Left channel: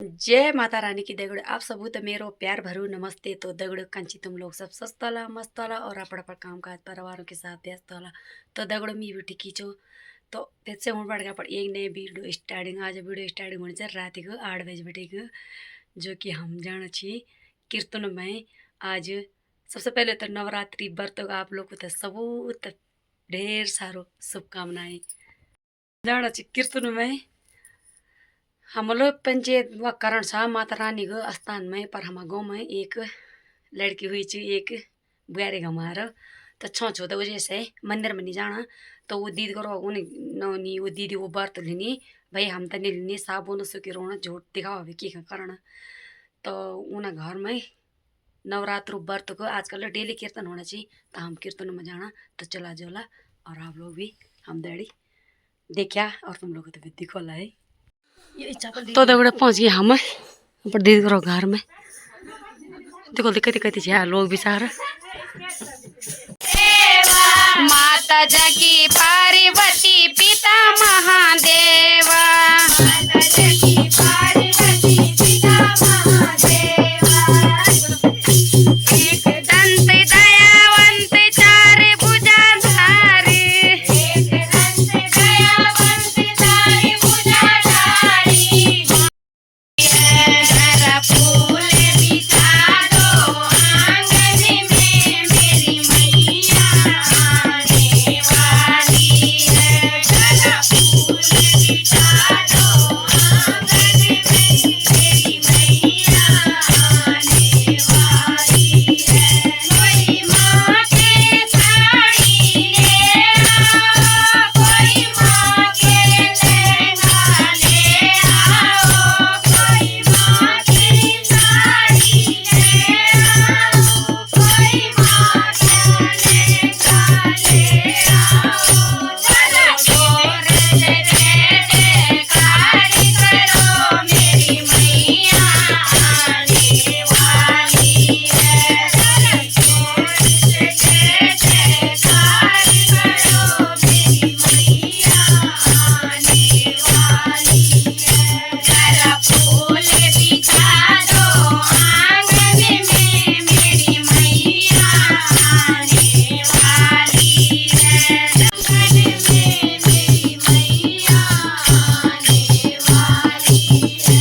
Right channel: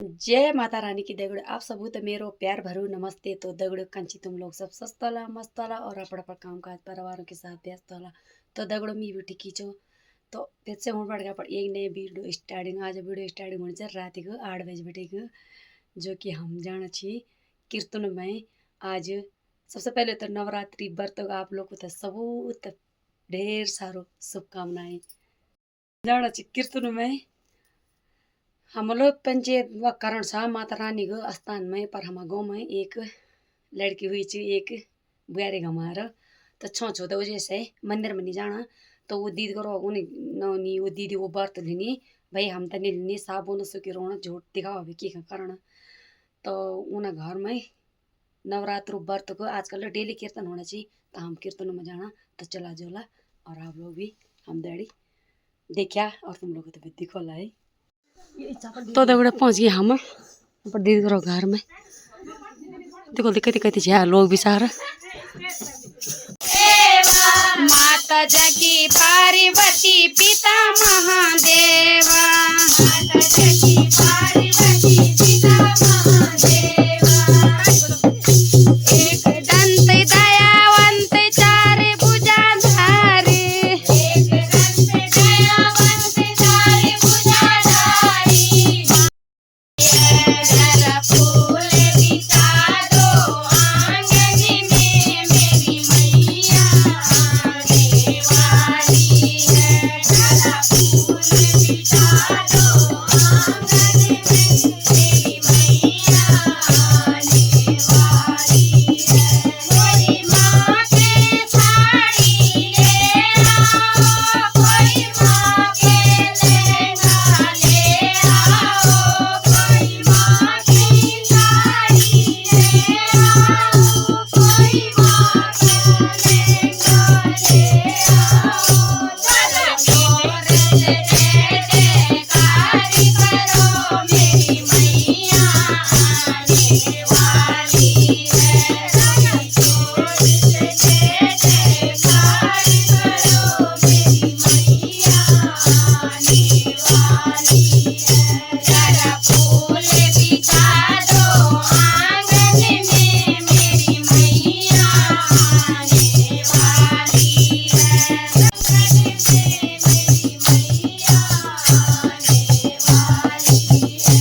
जय माता रानी की दगड़ो आप सबू तो मेरो प्यार भरू नमस्ते। तो दगड़ो कंची तुम लोग सब स्वस्थ होला मस्त होला और अपड़ काम काज परिवारों के साथ व्यस्त होला। तो दगड़ो मी भी ठीक खींचो तो फिर से हूँ बढ़ गया पर एक नए वीडियो स्टार्टिंग आज वीडियो स्टार्टिंग होनी चाहिए रात को 8 बजे बटे को जो कि हम जाना छी कीर्तन में। आज सबसे पहले तो नवरात्रि व्रत आप लोग को तो सबूत ढेर सारो शुभकामनाएं। जाना छी कीर्तन में हम लोग पंचायत व करण शाह माता रानी को स्थान में पर हमारे गाँव में एक लड़की हुई थी एक बुआरे हमारा तो छो तो वजह से मंदिर में नहीं जाना। तो वो दीदी करो उन्हें नौनी वो दीदी वो व्रत लेनी भाई हम तो नहीं लेनी साबुन सुखी रोना झूठ दिखावा भी की कारण। तो उन्हें घर में नवरात्र व्रत को आजकल डेली कीर्तन होना चाहिए तो हम कीर्तन में जाना तो चला जोला और आप लोग भी हम डैडी देखा और तुम लोग को तो दिखोला है। तो दगड़ा पहुँच गए हम पर दीदी करो घर में देखो कति कति झा लोग भी सारा माता जगी पार्वती पिता महादेवा माता जगी पार्वती पिता महादेवा एक दंत दयावंत चार भुजाधारी एक दंत दयावंत चार भुजाधारी घर फूल बिछा दो आंगन में मेरी मैया आने वाली है। घर फूल बिछा दो आंगन में मेरी मैया आने वाली है। कोई माँ के साड़ी ले आओ कोई माँ के लहंगा ले आओ कोई माँ की साड़ी ले आओ कोई माँ का लहंगा ले आओ। चलो जोर से जयकार करो मेरी मैया आने वाली है। चलो जोर से जयकार करो मेरी मैया आने वाली है। जरा फूल बिछा दो आंगन में मेरी मैया आने वाली है। आंगन में मेरी मैया आने वाली है।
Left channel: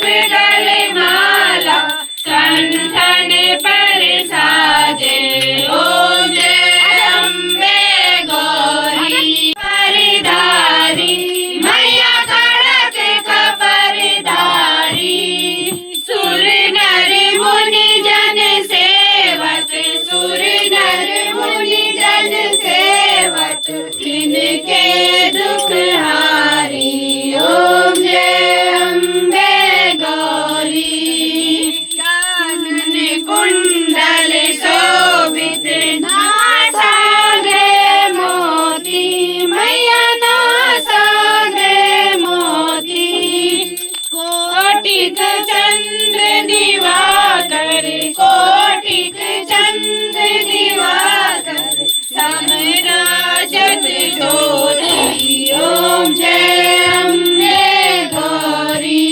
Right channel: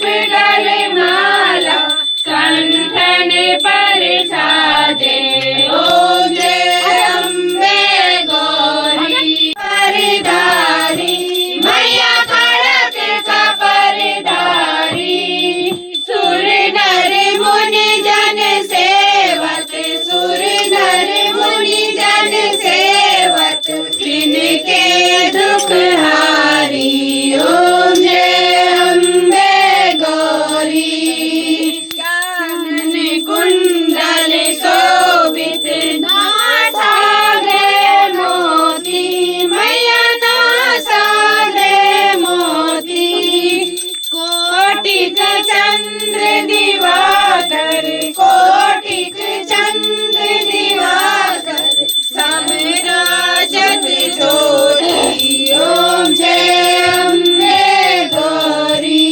पुष्प गले माला कंठन पर साजे ओम जय अम्बे गौरी परधारी मैया खड़क कपरधारी सुर नर मुनि जन सेवक सुर नर मुनि जन सेवक इनके दुख हारी ओम जय अम्बे गौरी कानन कुंडल शोभित नासाग्रे मोती मैया नासाग्रे मोती कोटिक चंद्र दिवाकर कोटिक चंद्र दिवाकर समराजत ज्योति ओम जय अम्बे गौरी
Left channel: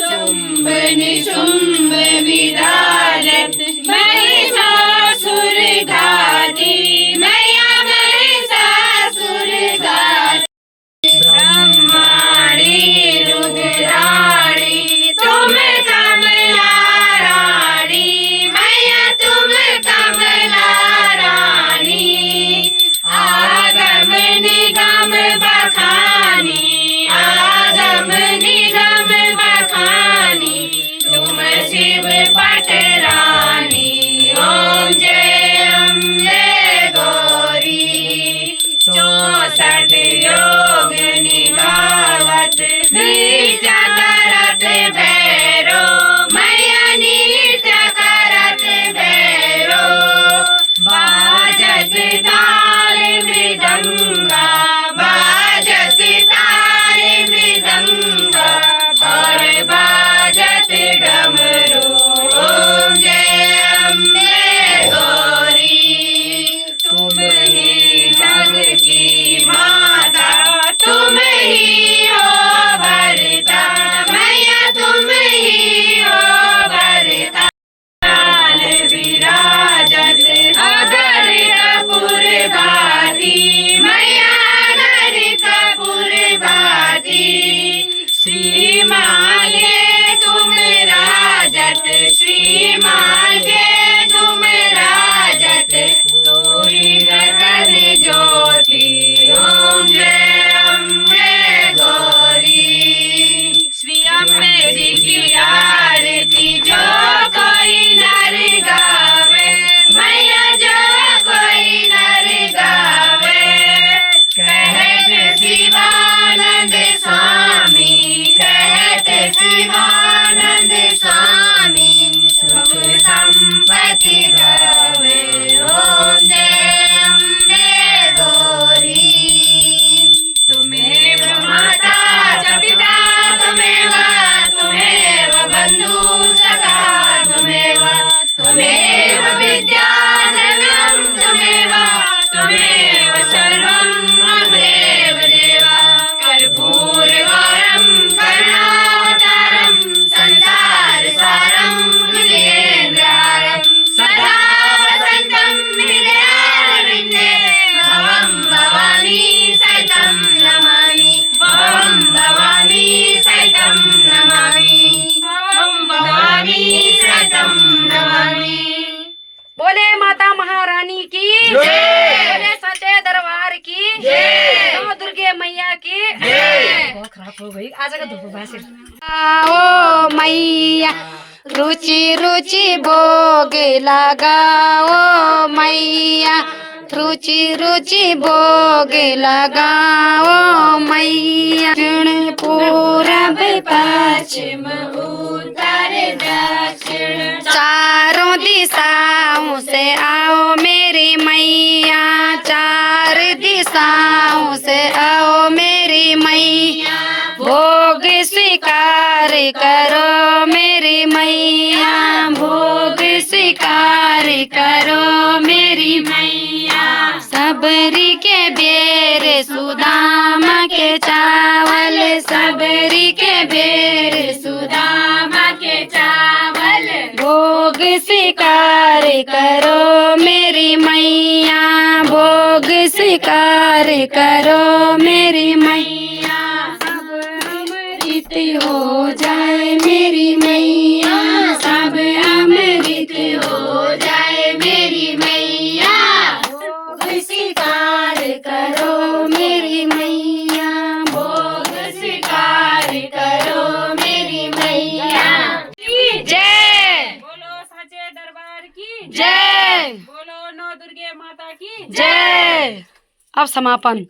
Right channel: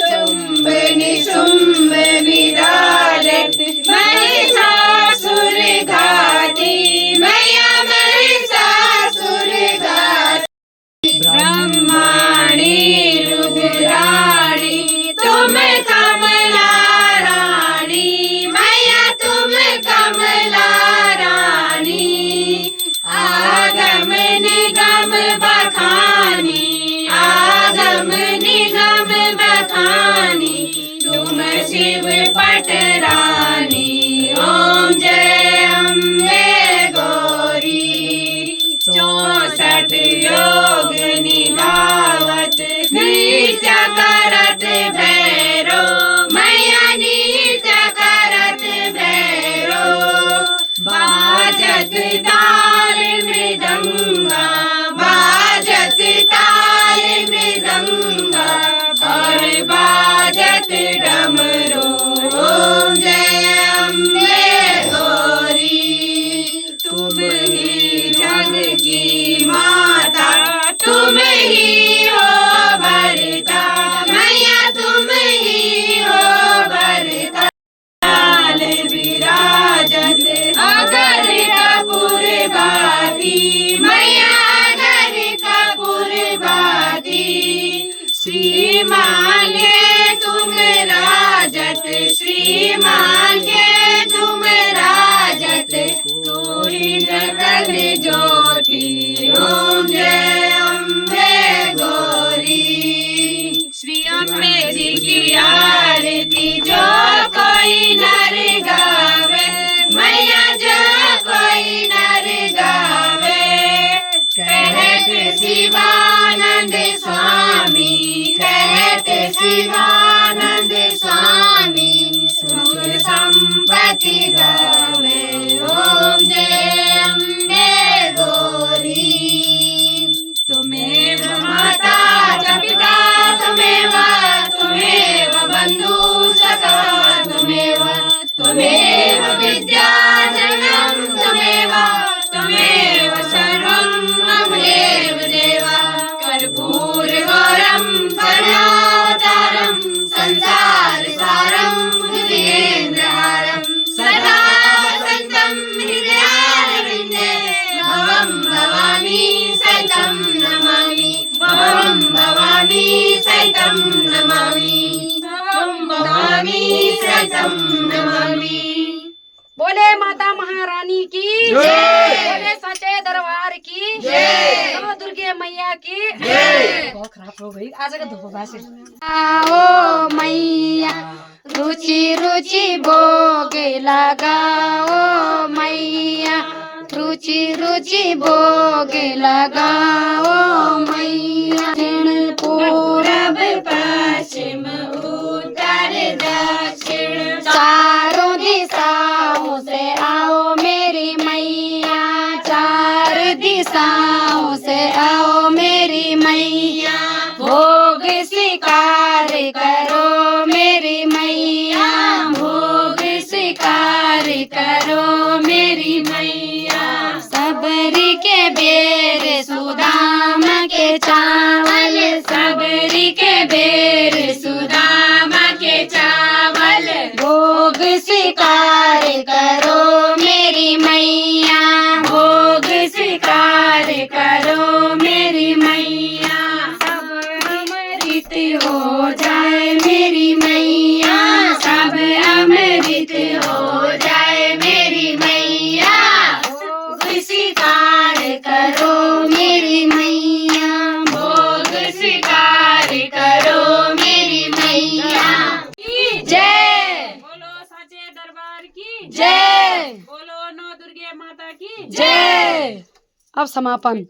शुंभ निशुंभ विदारक महिषासुर घाती मैया महिषासुर घाती ब्रह्माणी रुद्राणी तुम कमला रानी मैया तुम कमला रानी आगम निगम बखानी आगम निगम बखानी तुम शिव पटरानी ओम जय अम्बे गौरी 64 योग निभावत नृत्य करत भैरो मैया नृत्य करत भैरो बाजत ताल मृदंगा बाजत ताल मृदंगा और बाजत डमरू ओम जय अम्बे गौरी तुम ही जग की माता तुम ही हो भरता मैया तुम ही हो भरता लाल विराजत अगर कपूर बाती मैया अगर कपूर बाती श्री मांगे तुम राजत श्री मांगे तुम राजत तोरी गगन ज्योति ओम जय अम्बे गौरी श्री अम्बे जी की आरती जो कोई नर गावे मैया जो कोई नर गावे कहत शिवानंद स्वामी कहत शिवानंद स्वामी सुख संपत्ति गावे ओम जय अम्बे गौरी तुम्हें माता च पिता तुम्हें बंधु सखा तुम्हें विद्याधरम तुम्हें सर्वं ममदेव देवा कर्पूर गौरम करुणावतारम संसार सारम हृदयेन्द्रहारम सदा वसन्तं हृदयारविन्दे भवं भवानी सहितं नमामि भवं भवानी सहितं नमामि भवं भवानी सहितं नमामि बोले माता महारानी की जय। बोले सच्चे दरबार की जय। नौ दुर्गे मैया की जय। बहुत खराब हो गई आज का धूप भाषण आओ मैया रुचि रुचि भोग लगाओ मैया रुचि रुचि भोग लगाओ मैया दक्षिण पूरब पश्चिम उत्तर दक्षिण चारों दिशाओं से आओ मेरी मैया चार दिशाओं से आओ मेरी मैया भोग स्वीकार करो मेरी मैया भोग स्वीकार करो मेरी मैया सबरी के बेर सुदामा के चावल सबरी के बेर सुदामा के चावल भोग स्वीकार करो मेरी मैया भोग स्वीकार करो मेरी मैया सब हमारी अमृत हो जाए मेरी मैया, सब अमृत हो जाए मेरी मैया। भोग स्वीकार करो मेरी मैया, भोग स्वीकार करो मेरी मैया। जय बोलो साचे दरबार की जय बोलो नौ दुर्गे माता की जय। अब समापन।